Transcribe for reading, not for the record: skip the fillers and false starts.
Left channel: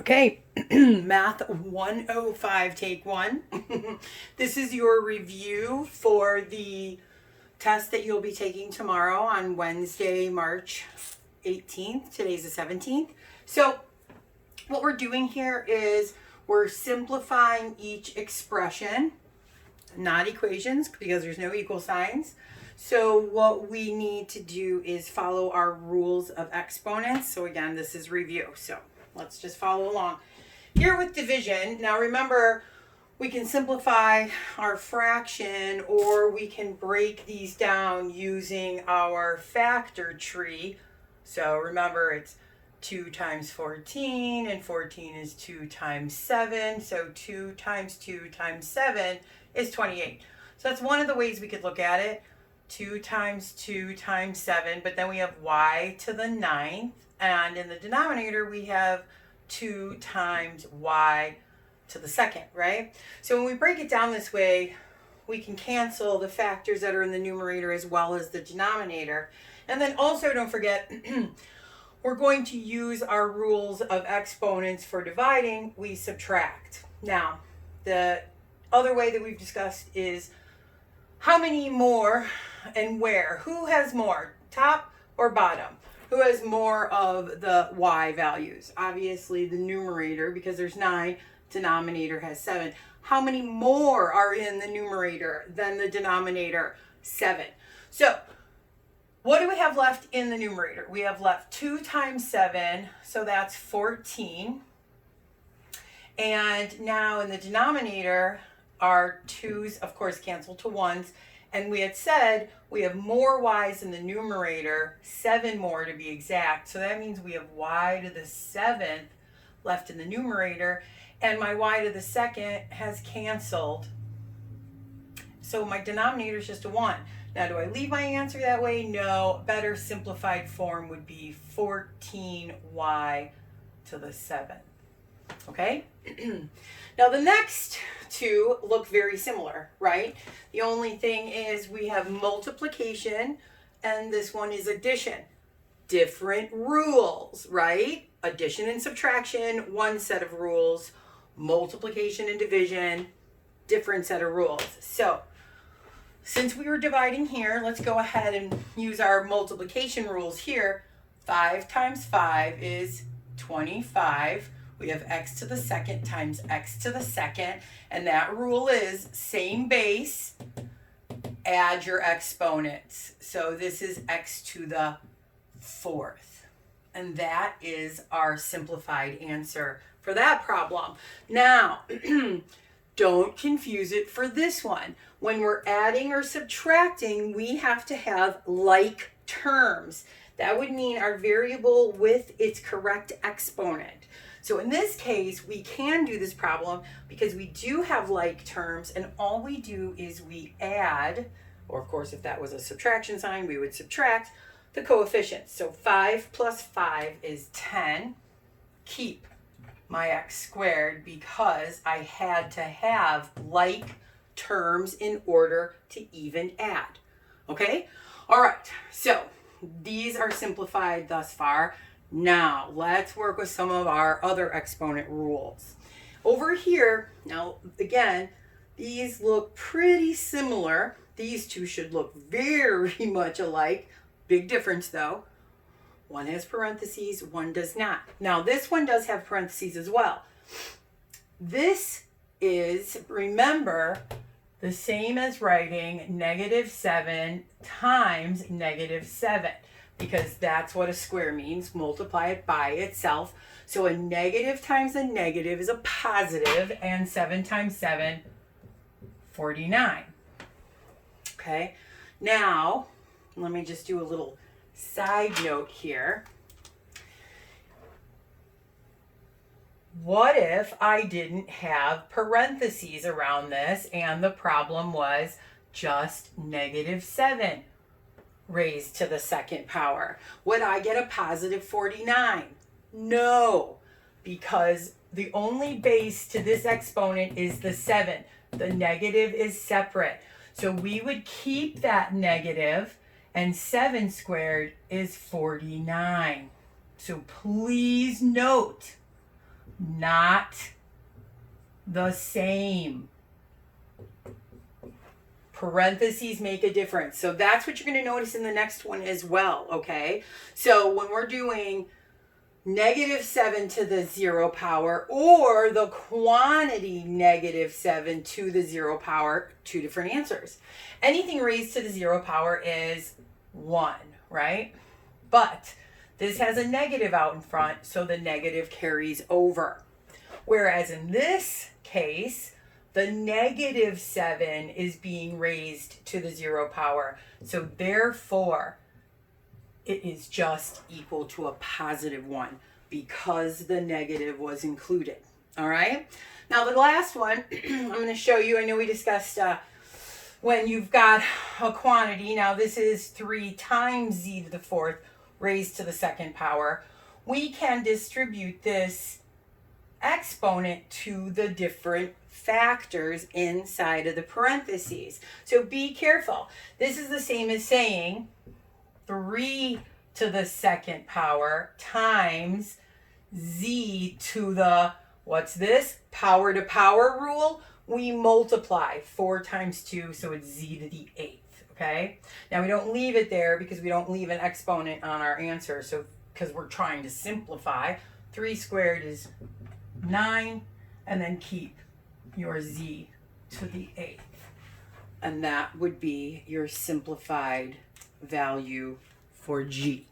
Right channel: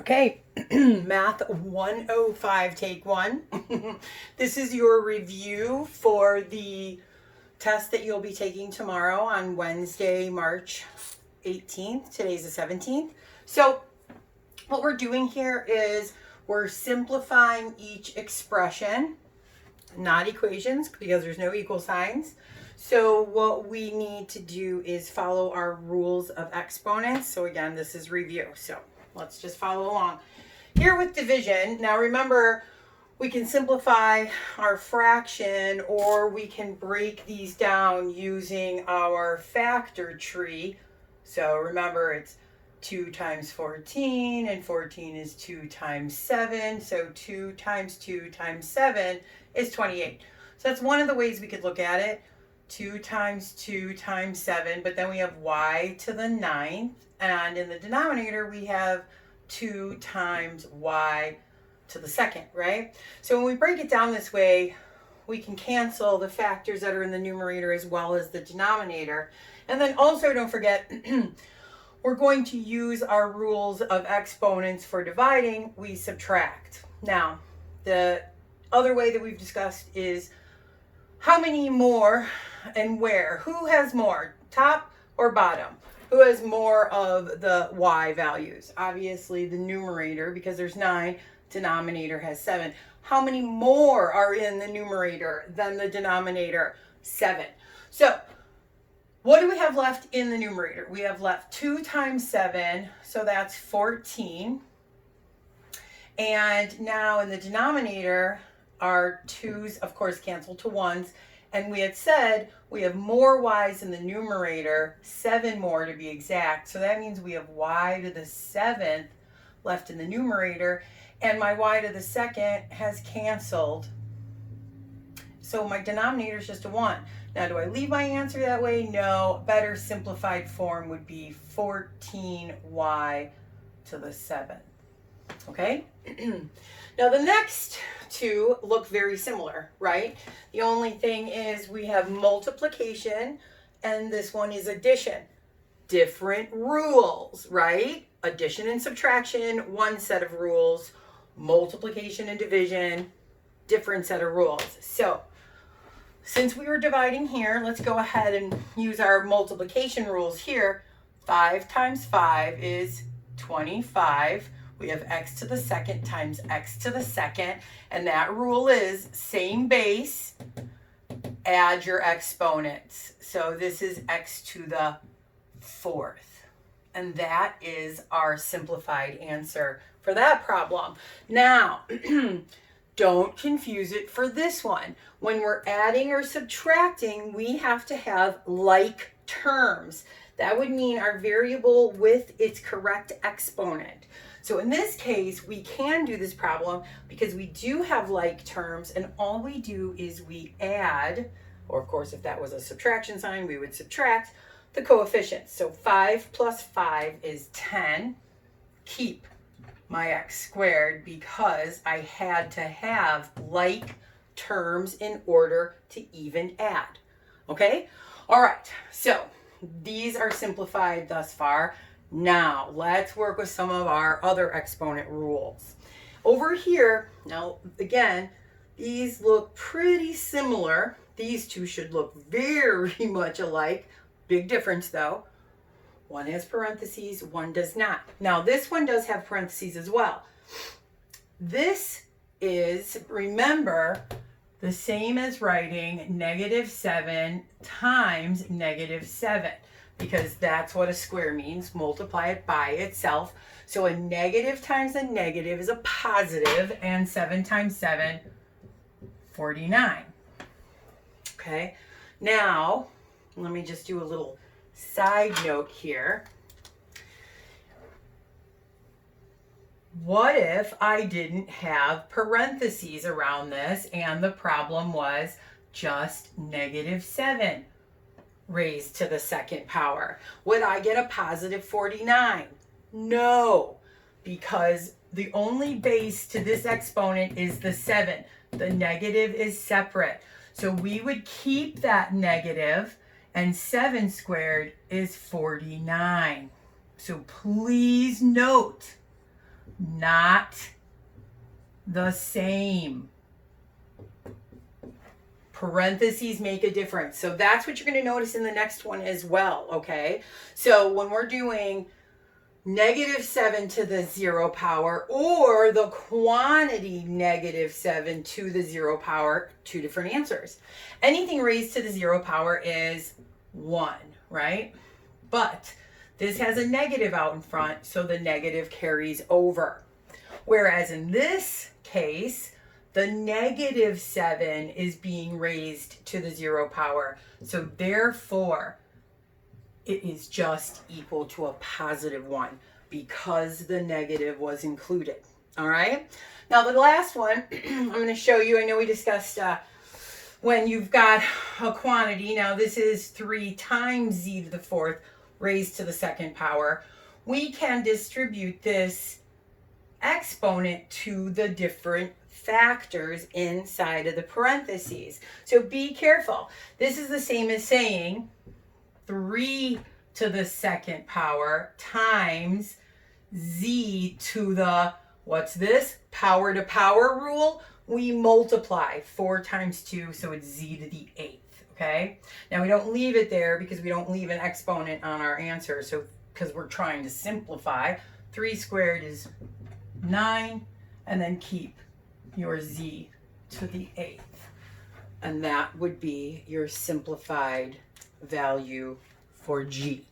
Okay, Math 105, take one. This is your review for the test that you'll be taking tomorrow on Wednesday, March 18th. Today's the 17th. So what we're doing here is we're simplifying each expression, not equations because there's no equal signs. So what we need to do is follow our rules of exponents. So again, this is review. So let's just follow along. Here with division, now remember, we can simplify our fraction or we can break these down using our factor tree. So remember, it's 2 times 14, and 14 is 2 times 7. So 2 times 2 times 7 is 28. So that's one of the ways we could look at it. 2 times 2 times 7, but then we have y to the 9th, and in the denominator we have 2 times y to the 2nd, right? So when we break it down this way, we can cancel the factors that are in the numerator as well as the denominator. And then also don't forget, we're going to use our rules of exponents for dividing. We subtract. Now, the other way that we've discussed is how many more and where. Who has more, top or bottom? Who has more of the y values? Obviously the numerator, because there's 9, denominator has 7. How many more are in the numerator than the denominator? 7. So what do we have left in the numerator? We have left 2 times 7, so that's 14. And now in the denominator, our 2's, of course, cancel to 1's. And we had said we have more y's in the numerator, 7 more to be exact. So that means we have y to the 7th left in the numerator. And my y to the 2nd has canceled. So my denominator is just a 1. Now, do I leave my answer that way? No. Better simplified form would be 14y to the 7th. Okay? Now the next two look very similar, right? The only thing is we have multiplication and this one is addition. Different rules, right? Addition and subtraction, one set of rules. Multiplication and division, different set of rules. So since we were dividing here, let's go ahead and use our multiplication rules here. 5 times 5 is 25. We have x to the 2nd times x to the 2nd, and that rule is same base, add your exponents. So this is x to the 4th, and that is our simplified answer for that problem. Now, don't confuse it for this one. When we're adding or subtracting, we have to have like terms. That would mean our variable with its correct exponent. So in this case, we can do this problem because we do have like terms, and all we do is we add, or of course if that was a subtraction sign, we would subtract the coefficients. So 5 plus 5 is 10. Keep my x squared because I had to have like terms in order to even add. Okay? All right, so these are simplified thus far. Now, let's work with some of our other exponent rules. Over here, now again, these look pretty similar. These two should look very much alike. Big difference though. One has parentheses, one does not. Now, this one does have parentheses as well. This is, remember, the same as writing -7 times -7. Because that's what a square means. Multiply it by itself. So a negative times a negative is a positive, and 7 times 7, 49. Okay, now let me just do a little side note here. What if I didn't have parentheses around this and the problem was just -7? Raised to the 2nd power? Would I get a positive 49? No, because the only base to this exponent is the 7. The negative is separate. So we would keep that negative, and 7 squared is 49. So please note not the same. Parentheses make a difference. So that's what you're going to notice in the next one as well, okay? So when we're doing -7 to the 0 power or the quantity -7 to the 0 power, two different answers. Anything raised to the 0 power is 1, right? But this has a negative out in front, so the negative carries over. Whereas in this case, the -7 is being raised to the 0 power. So therefore, it is just equal to a +1 because the negative was included. All right. Now the last one, I'm going to show you. I know we discussed when you've got a quantity. Now this is 3 times z to the 4th raised to the 2nd power. We can distribute this exponent to the different factors inside of the parentheses. So be careful. This is the same as saying 3 to the 2nd power times z to the, what's this? Power to power rule. We multiply 4 times 2, so it's z to the 8th, okay? Now we don't leave it there because we don't leave an exponent on our answer, so because we're trying to simplify. 3 squared is 9, and then keep your z to the 8th. And that would be your simplified value for G.